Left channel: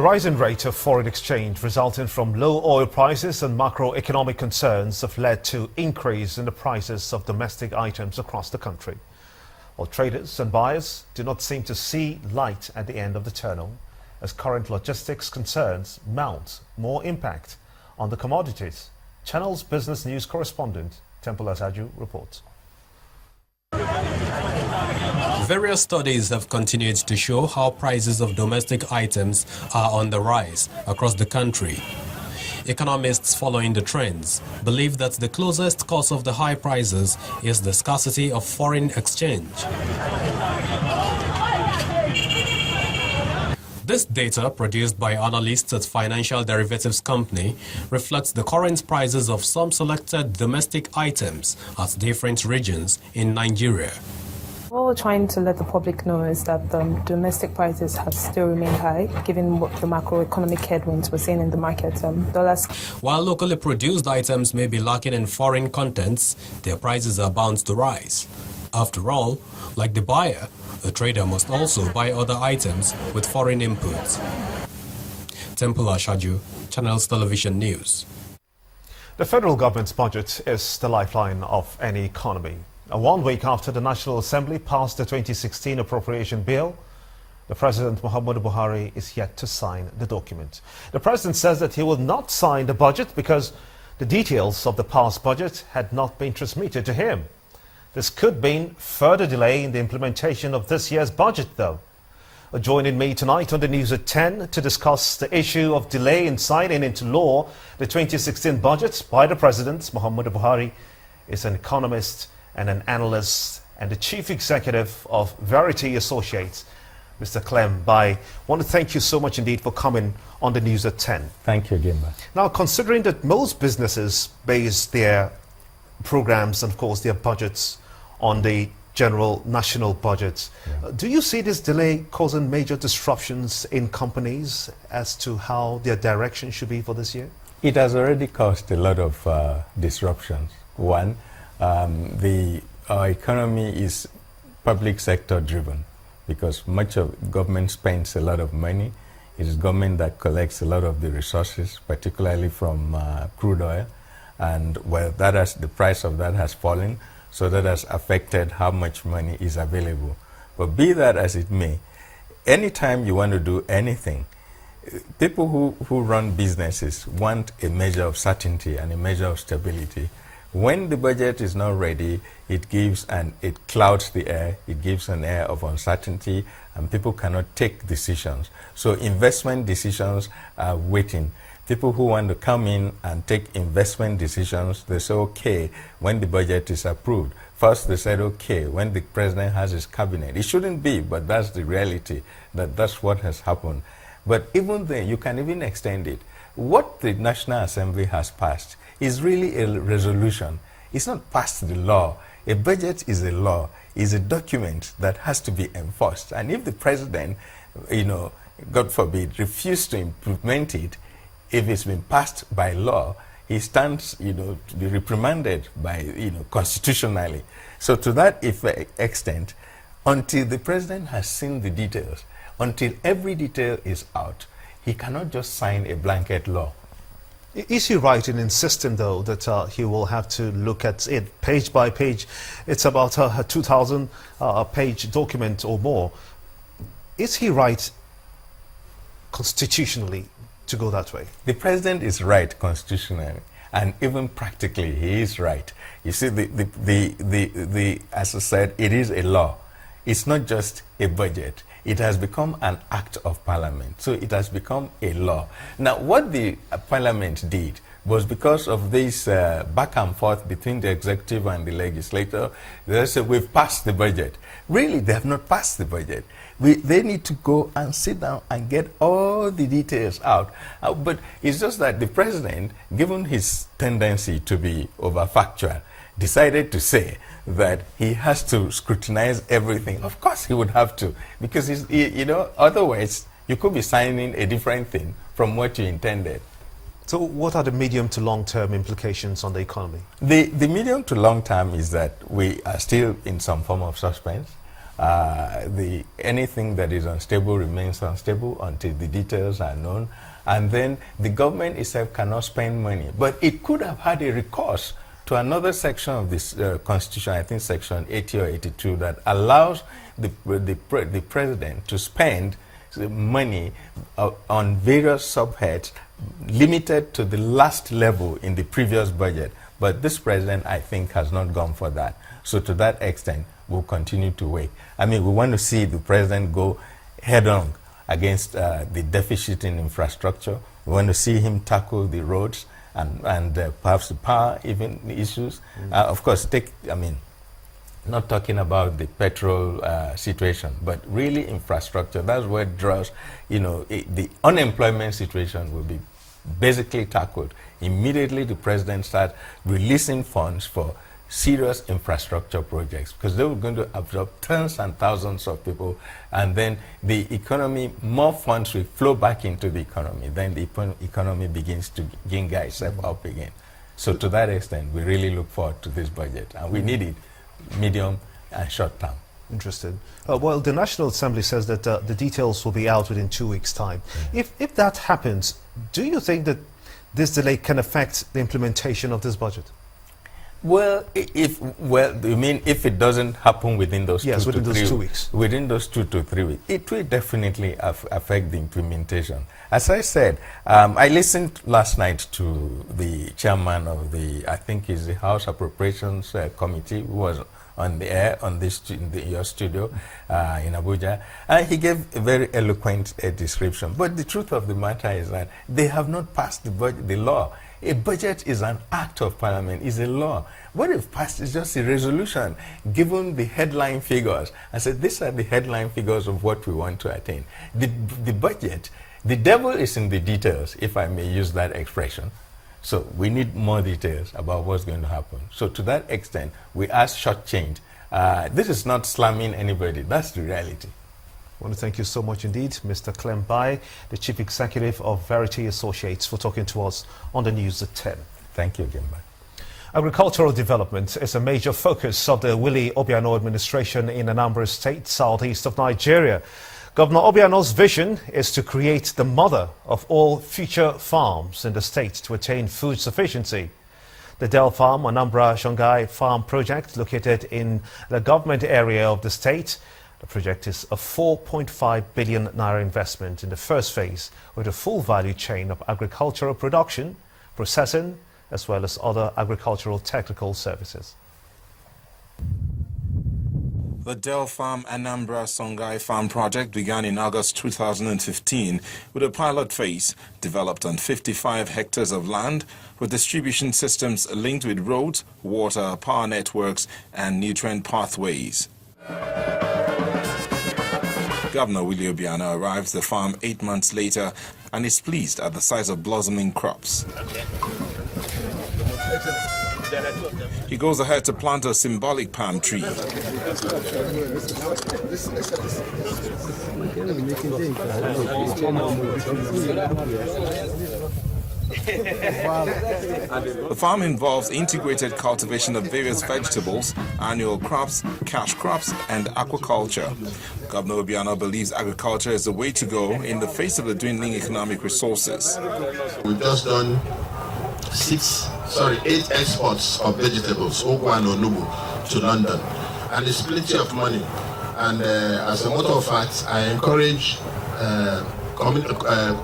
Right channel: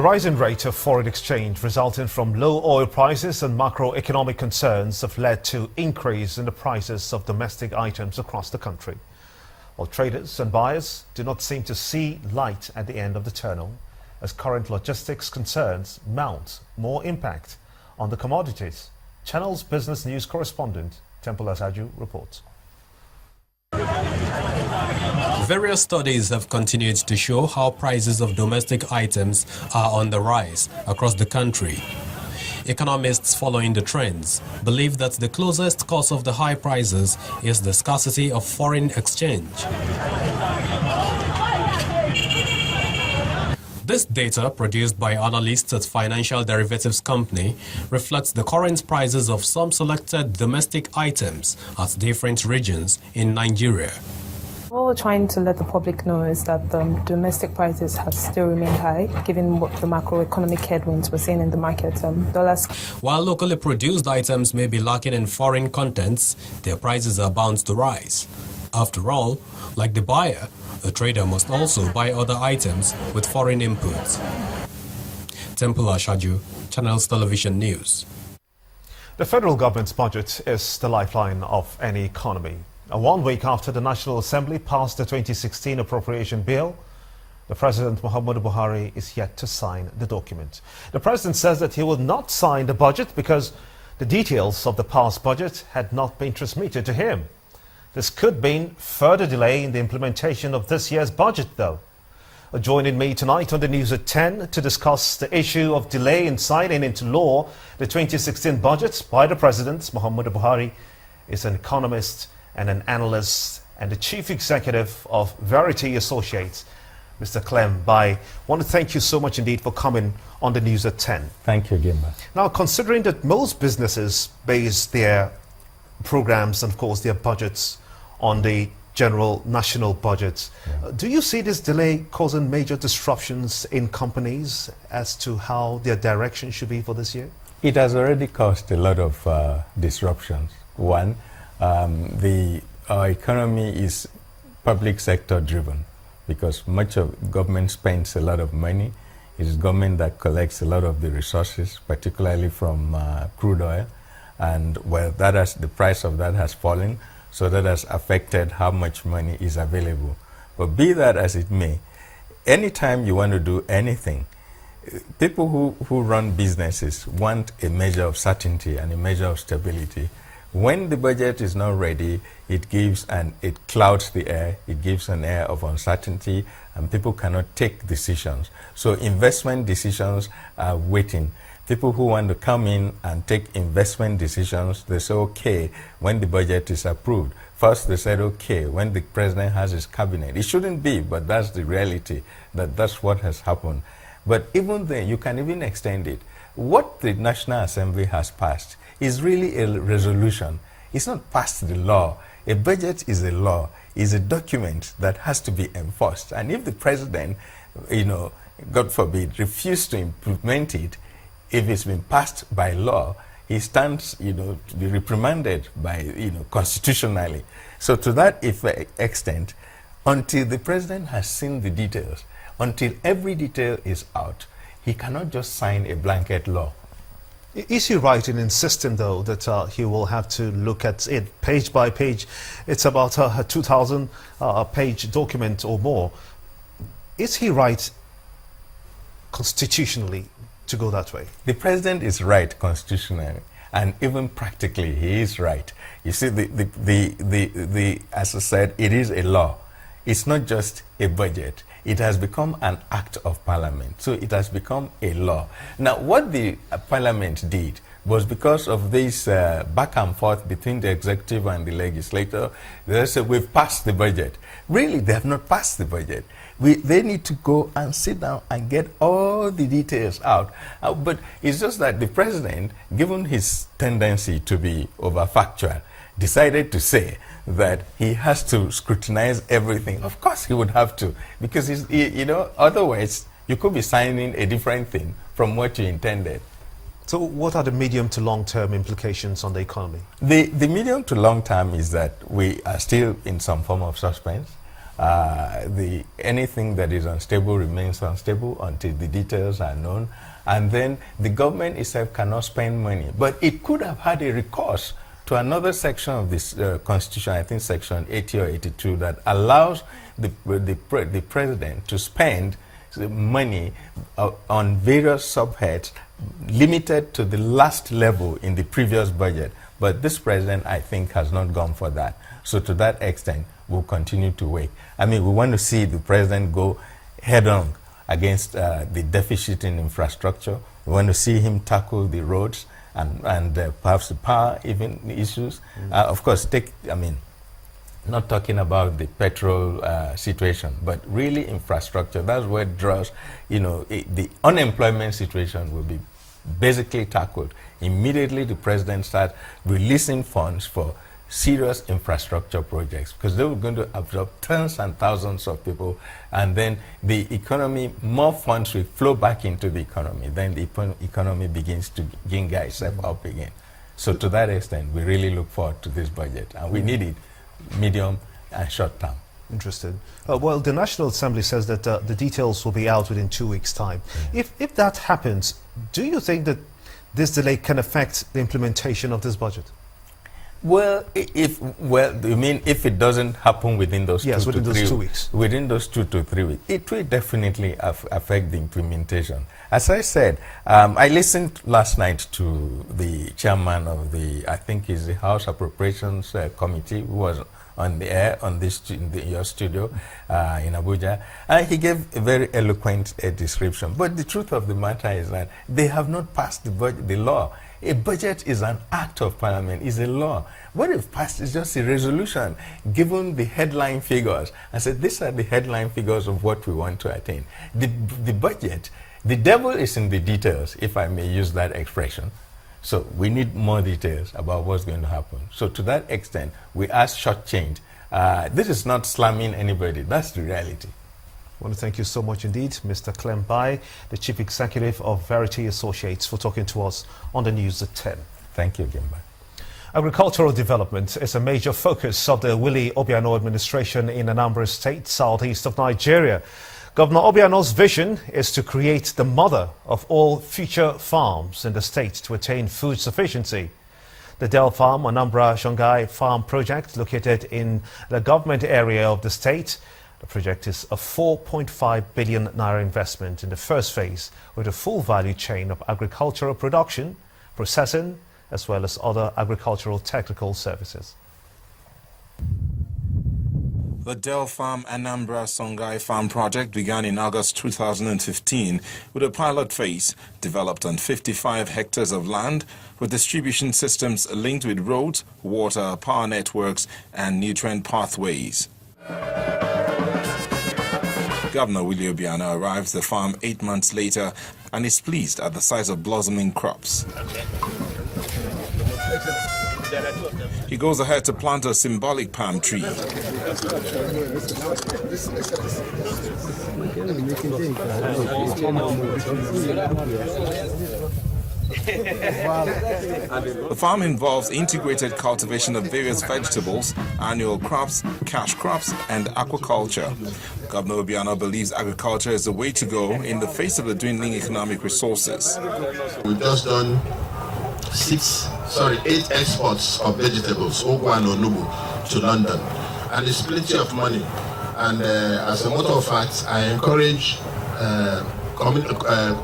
The rising rate of foreign exchange resulting from low oil prices and macroeconomic concerns have led to increase in the prices of domestic items across the country. While traders and buyers do not seem to see light at the end of the tunnel, as current logistics concerns mount more impact on the commodities. Channel's business news correspondent, Temple Asaju, reports. Various studies have continued to show how prices of domestic items are on the rise across the country. Economists following the trends believe that the closest cause of the high prices is the scarcity of foreign exchange. This data, produced by analysts at Financial Derivatives Company, reflects the current prices of some selected domestic items at different regions in Nigeria. What we're trying to let the public know is that domestic prices have still remained high, given what the macroeconomic headwinds we're seeing in the market. While locally produced items may be lacking in foreign contents, their prices are bound to rise. After all, like the buyer, the trader must also buy other items with foreign inputs. Temple Ashaju, Channels Television News. The federal government's budget is the lifeline of any economy. 1 week after the National Assembly passed the 2016 appropriation bill, the President Muhammadu Buhari is yet to sign the document. The President says that he will not sign the budget because the details of the past budget had not been transmitted to him. This could mean further delay in the implementation of this year's budget, though. Joining me tonight on the news at 10 to discuss the issue of delay in signing into law the 2016 budget by the President Muhammadu Buhari is an economist and an analyst and the Chief Executive of Verity Associates, Mr. Clem Bai. I want to thank you so much indeed for coming on the news at 10. Thank you, Jimba. Now, considering that most businesses base their programs and, of course, their budgets on the general national budget, do you see this delay causing major disruptions in companies as to how their direction should be for this year? It has already caused a lot of disruptions. One, our economy is public sector driven because much of government spends a lot of money. It is government that collects a lot of the resources, particularly from crude oil, and well, the price of that has fallen, so that has affected how much money is available. But be that as it may, anytime you want to do anything, people who run businesses want a measure of certainty and a measure of stability. When the budget is not ready, it clouds the air, it gives an air of uncertainty, and people cannot take decisions. So investment decisions are waiting. People who want to come in and take investment decisions, they say, okay, when the budget is approved. First, they said, okay, when the president has his cabinet. It shouldn't be, but that's the reality, that's what has happened. But even then, you can even extend it. What the National Assembly has passed is really a resolution. It's not passed the law. A budget is a law, is a document that has to be enforced. And if the president, God forbid, refused to implement it, if it's been passed by law, he stands, to be reprimanded by, constitutionally. So to that extent, until the president has seen the details, until every detail is out, he cannot just sign a blanket law. Is he right in insisting, though, that he will have to look at it page by page? It's about a 2,000-page document or more. Is he right constitutionally to go that way? The president is right constitutionally, and even practically, he is right. You see, as I said, it is a law. It's not just a budget. It has become an act of parliament. So it has become a law. Now, what the parliament did was because of this back and forth between the executive and the legislature, they said, we've passed the budget. Really, they have not passed the budget. They need to go and sit down and get all the details out. But it's just that the president, given his tendency to be over-factual, decided to say that he has to scrutinize everything. Of course he would have to, because otherwise you could be signing a different thing from what you intended. So what are the medium to long-term implications on the economy? The medium to long term is that we are still in some form of suspense. Anything that is unstable remains unstable until the details are known. And then the government itself cannot spend money. But it could have had a recourse to another section of this Constitution, I think Section 80 or 82, that allows the president to spend money on various subheads limited to the last level in the previous budget. But this president, I think, has not gone for that. So to that extent, we'll continue to wait. I mean, we want to see the president go head-on against the deficit in infrastructure. We want to see him tackle the roads and perhaps the power even issues. Of course, not talking about the petrol situation, but really infrastructure. That's where it draws, the unemployment situation will be basically tackled. Immediately the president starts releasing funds for serious infrastructure projects, because they were going to absorb tens and thousands of people, and then the economy, more funds will flow back into the economy. Then the economy begins to ginga itself up again. So to that extent, we really look forward to this budget, and we need it medium and short term. Interested. Well, the National Assembly says that the details will be out within 2 weeks' time. If that happens, do you think that this delay can affect the implementation of this budget? Well, you mean if it doesn't happen within those within those 2 weeks? Within those 2 to 3 weeks, it will definitely affect the implementation. As I said, I listened last night to the chairman of I think it's the House Appropriations Committee, who was on the air on your studio in Abuja, and he gave a very eloquent description. But the truth of the matter is that they have not passed the law. A budget is an act of parliament, is a law. What they've passed is just a resolution, given the headline figures. I said, these are the headline figures of what we want to attain. The budget, the devil is in the details, if I may use that expression. So we need more details about what's going to happen. So to that extent, we are shortchanged. This is not slamming anybody. That's the reality. I want to thank you so much indeed, Mr. Clem Bai, the Chief Executive of Verity Associates, for talking to us on the News at 10. Thank you, Gimba. Agricultural development is a major focus of the Willie Obiano administration in Anambra State, southeast of Nigeria. Governor Obiano's vision is to create the mother of all future farms in the state to attain food sufficiency. The Dell Farm Anambra Shongai Farm project, located in the government area of the state. The project is a 4.5 billion naira investment in the first phase, with a full value chain of agricultural production, processing, as well as other agricultural technical services. The Dell Farm Anambra Songhai Farm project began in August 2015 with a pilot phase developed on 55 hectares of land with distribution systems linked with roads, water, power networks and nutrient pathways. Governor Willie Obiano arrives at the farm 8 months later and is pleased at the size of blossoming crops. He goes ahead to plant a symbolic palm tree. The farm involves integrated cultivation of various vegetables, annual crops, cash crops, and aquaculture. Governor Obiano believes agriculture is the way to go in the face of the dwindling economic resources. We've just done 8 exports of vegetables, Ogwa and Onubu, to London. And it's plenty of money. And as a matter of fact, I encourage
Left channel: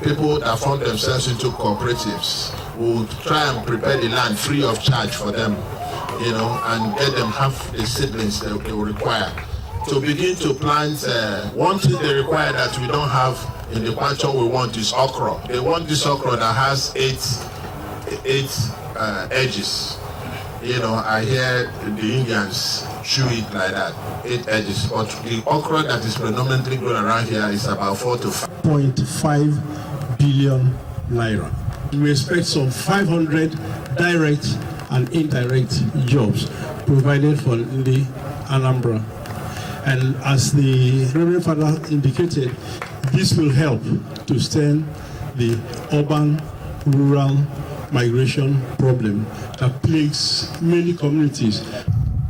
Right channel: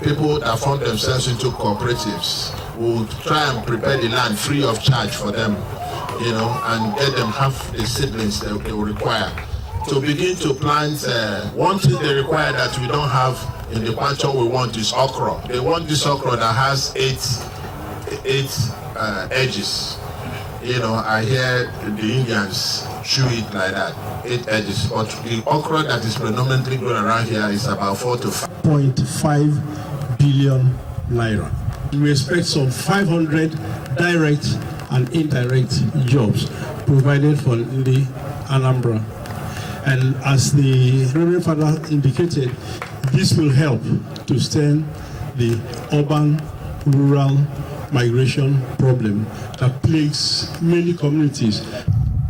people that form themselves into cooperatives who try and prepare the land free of charge for them, and get them half the seedlings they will require. To begin to plant, one thing they require that we don't have in the quantum we want is okra. They want this okra that has eight edges. I hear the Indians chew it like that, 8 edges. But the okra that is predominantly grown around here is about 4 to 5.5 billion naira. We expect some 500 direct and indirect jobs provided for the Anambra. And as the Reverend Father indicated, this will help to stem the urban-rural migration problem that plagues many communities.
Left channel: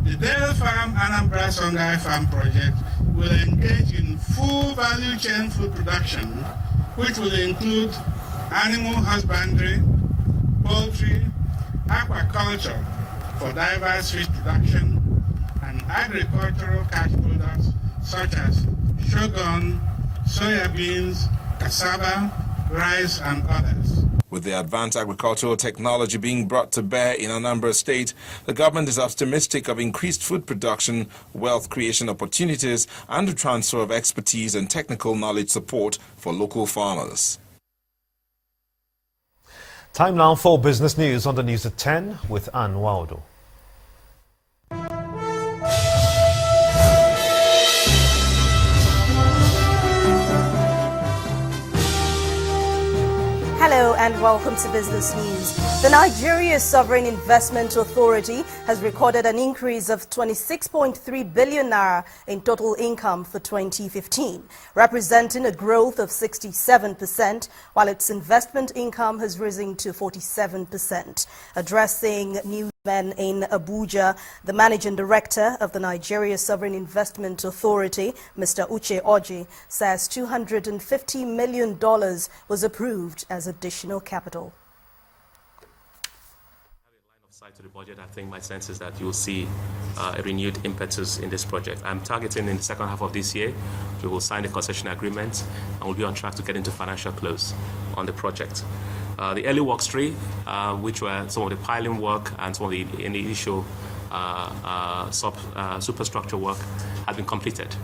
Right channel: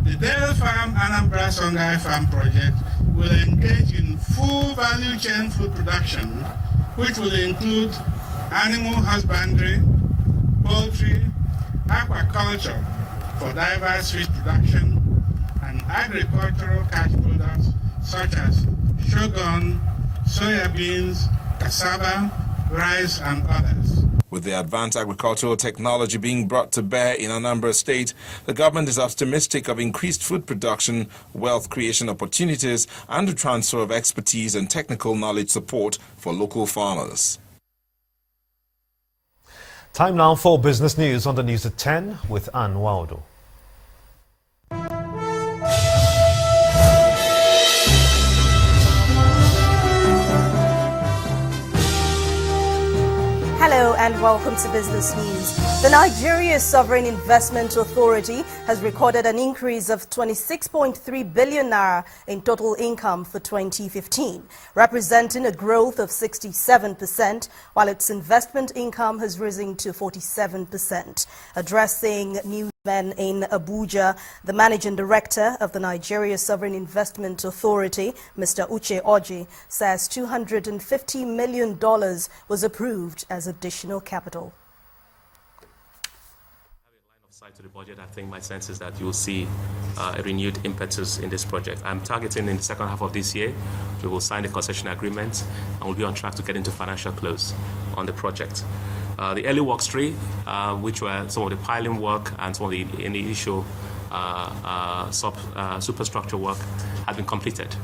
The Dell Farm Anambra Songhai Farm project will engage in full value chain food production, which will include animal husbandry, poultry, aquaculture for diverse fish production, and agricultural cash products such as shogun, soya beans, cassava, rice, and others. With the advanced agricultural technology being brought to bear in Anambra State, the government is optimistic of increased food production, wealth creation opportunities, and the transfer of expertise and technical knowledge support for local farmers. Time now for business news on the news at 10 with Ann Waldo. Hello and welcome to Business News. The Nigeria Sovereign Investment Authority has recorded an increase of 26.3 billion naira in total income for 2015, representing a growth of 67%, while its investment income has risen to 47%. Addressing newsmen in Abuja, the managing director of the Nigeria Sovereign Investment Authority, Mr. Uche Oji, says $250 million was approved as additional capital. Side to the budget, I think my sense is that you'll see a renewed impetus in this project. I'm targeting in the second half of this year, we will sign the concession agreement and we'll be on track to get into financial close on the project. The early work stream, which were some of the piling work and some of the initial superstructure work, has been completed.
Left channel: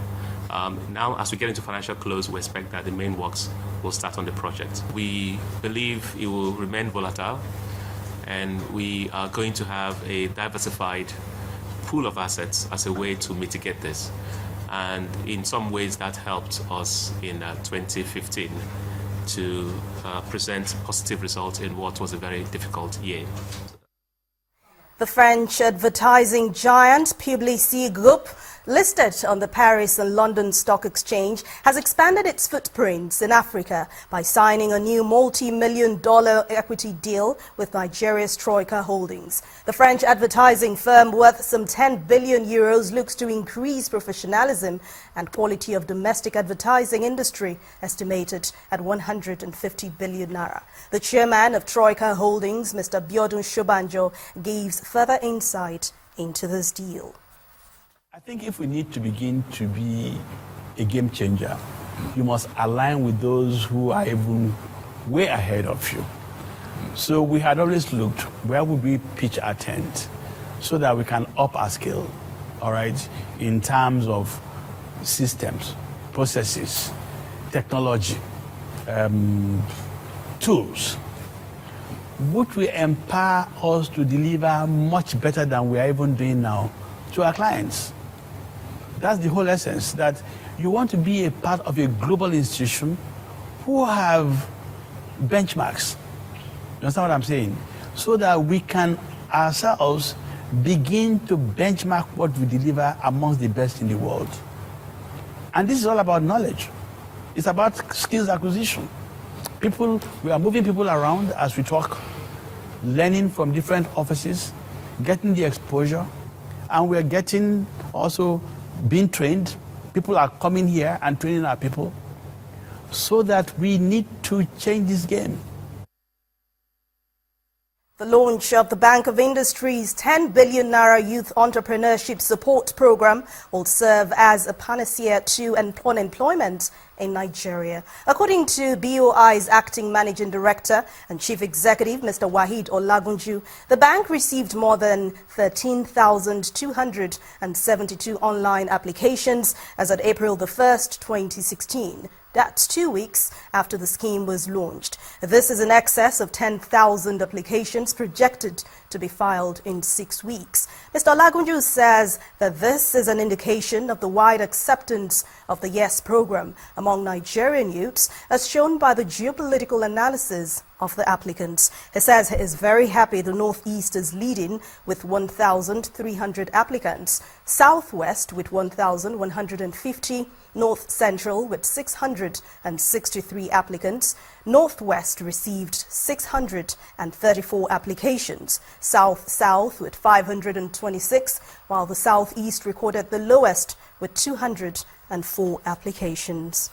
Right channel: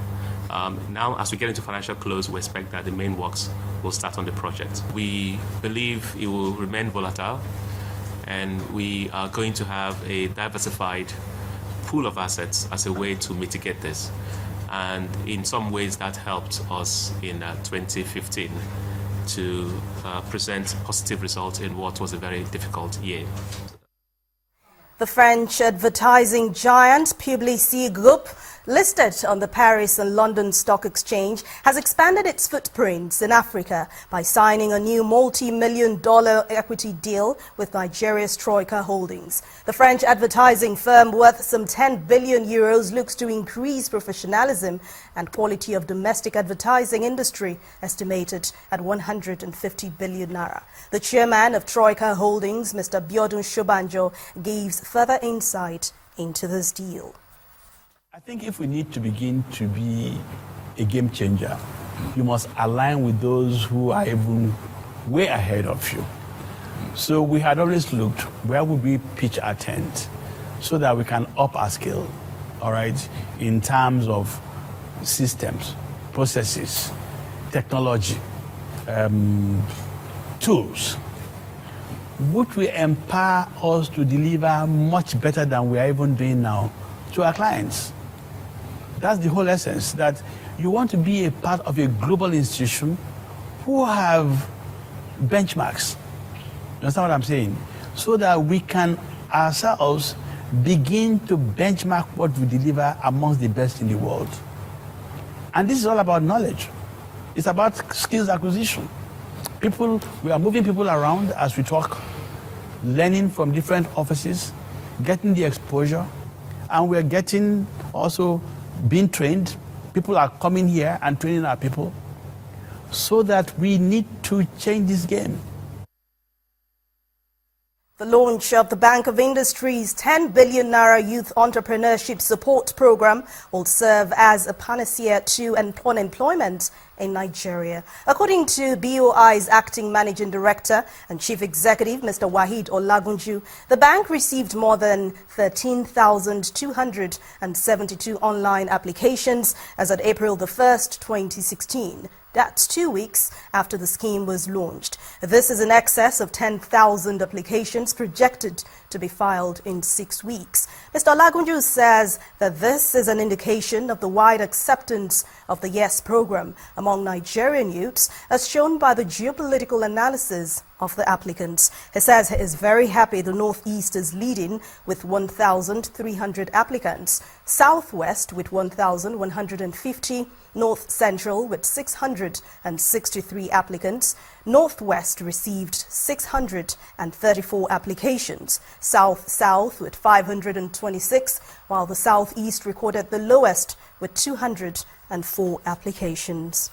Now, as we get into financial close, we expect that the main works will start on the project. We believe it will remain volatile, and we are going to have a diversified pool of assets as a way to mitigate this. And in some ways, that helped us in 2015 to present positive results in what was a very difficult year. The French advertising giant Publicis Group, listed on the Paris and London Stock Exchange, has expanded its footprints in Africa by signing a new multi-million-dollar equity deal with Nigeria's Troika Holdings. The French advertising firm, worth some 10 billion euros, looks to increase professionalism and quality of domestic advertising industry, estimated at 150 billion naira. The chairman of Troika Holdings, Mr. Biodun Shobanjo, gives further insight into this deal. I think if we need to begin to be a game changer, you must align with those who are even way ahead of you. So we had always looked, where would we pitch our tent so that we can up our skill, all right, in terms of systems, processes, technology, tools, which will empower us to deliver much better than we are even doing now to our clients. That's the whole essence, that you want to be a part of a global institution who have benchmarks. You understand what I'm saying? So that we can ourselves begin to benchmark what we deliver amongst the best in the world. And this is all about knowledge. It's about skills acquisition. We are moving people around as we talk, learning from different offices, getting the exposure, and we're getting also being trained. People are coming here and training our people, so that we need to change this game. The launch of the Bank of Industry's 10 billion naira youth entrepreneurship support program will serve as a panacea to unemployment in Nigeria. According to BOI's acting managing director and chief executive, Mr. Waheed Olagunju, the bank received more than 13,272 online applications as at April the 1st, 2016. That's 2 weeks after the scheme was launched. This is in excess of 10,000 applications projected to be filed in 6 weeks. Mr. Olagunju says that this is an indication of the wide acceptance of the YES program among Nigerian youths, as shown by the geopolitical analysis of the applicants. He says he is very happy the Northeast is leading with 1,300 applicants, Southwest with 1,150, North Central with 663 applicants, Northwest received 634 applications, South with 526, while the Southeast recorded the lowest with 204 applications.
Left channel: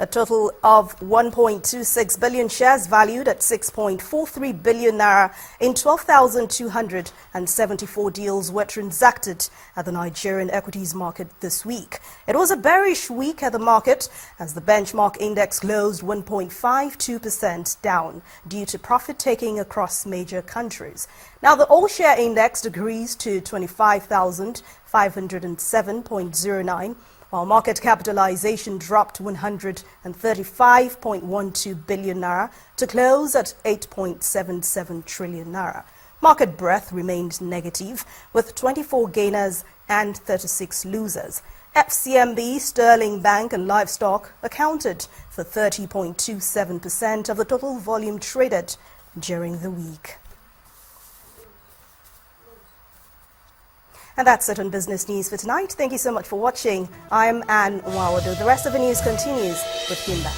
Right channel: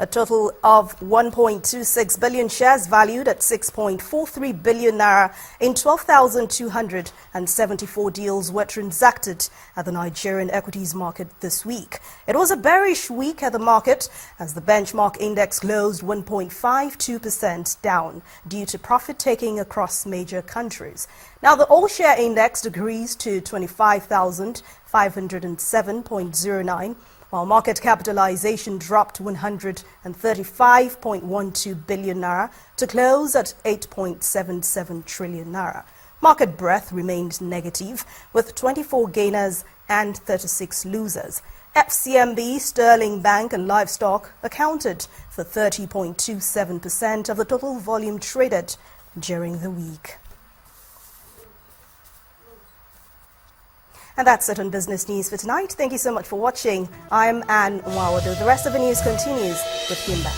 A total of 1.26 billion shares valued at 6.43 billion naira in 12,274 deals were transacted at the Nigerian equities market this week. It was a bearish week at the market as the benchmark index closed 1.52% down due to profit-taking across major countries. Now, the all-share index decreased to 25,507.09, while market capitalization dropped 135.12 billion naira to close at 8.77 trillion naira. Market breadth remained negative, with 24 gainers and 36 losers. FCMB, Sterling Bank and Livestock accounted for 30.27% of the total volume traded during the week. And that's it on Business News for tonight. Thank you so much for watching. I'm Anne Wawado. The rest of the news continues with Kimba.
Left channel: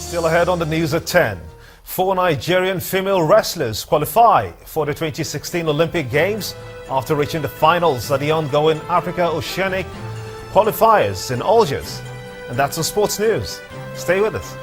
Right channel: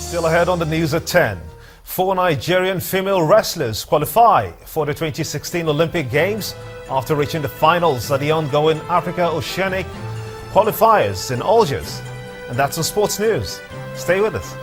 Still ahead on the news at 10. 4 Nigerian female wrestlers qualify for the 2016 Olympic Games after reaching the finals at the ongoing Africa Oceanic qualifiers in Algiers. And that's the sports news. Stay with us.